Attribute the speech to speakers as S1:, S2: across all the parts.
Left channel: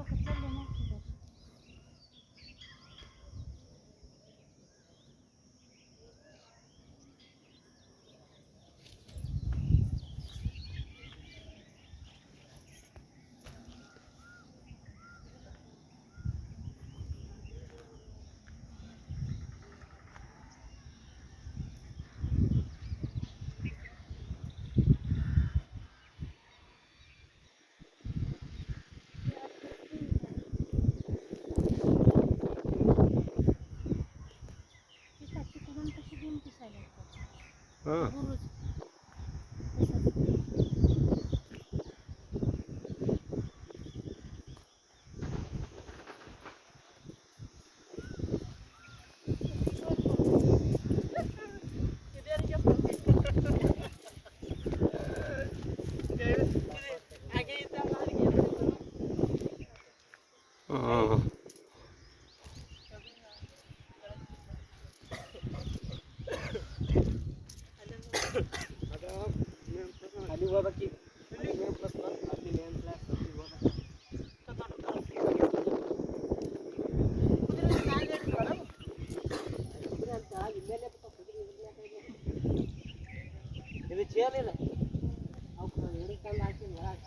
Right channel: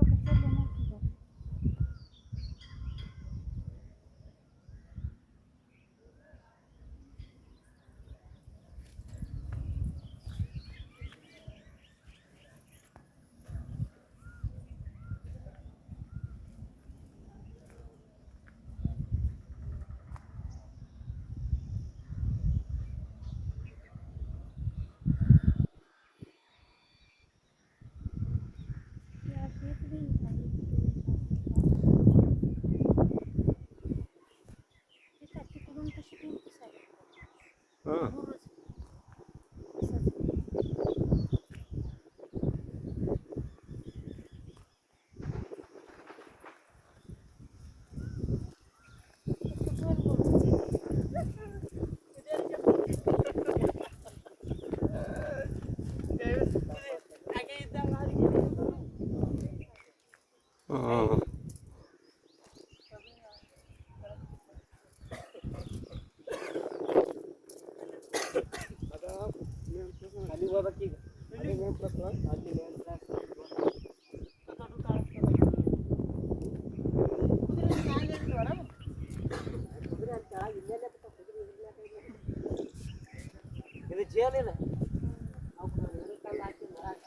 S1: bakacağım. Ha.
S2: Aa. Jalan ya, aku mau nyari kalau jadi enggak.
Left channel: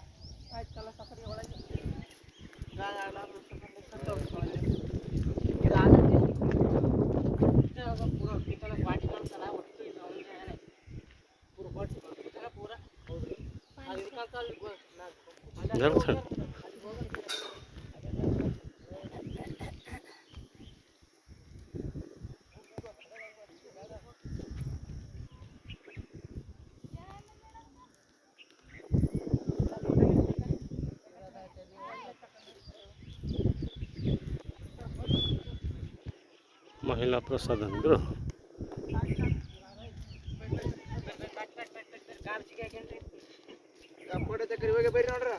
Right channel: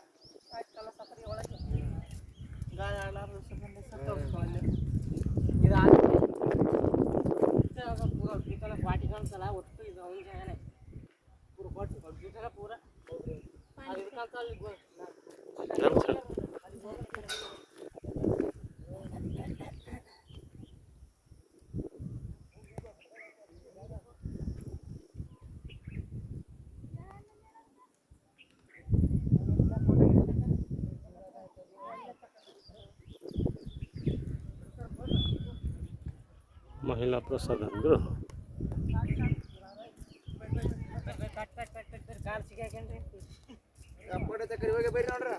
S2: महिला प्रसाद ग्रह ಕಡೆ ತಕ್ಕರಿ ಹೋಗಿ ಬರ್ರಿ ನೋಡ್ರ.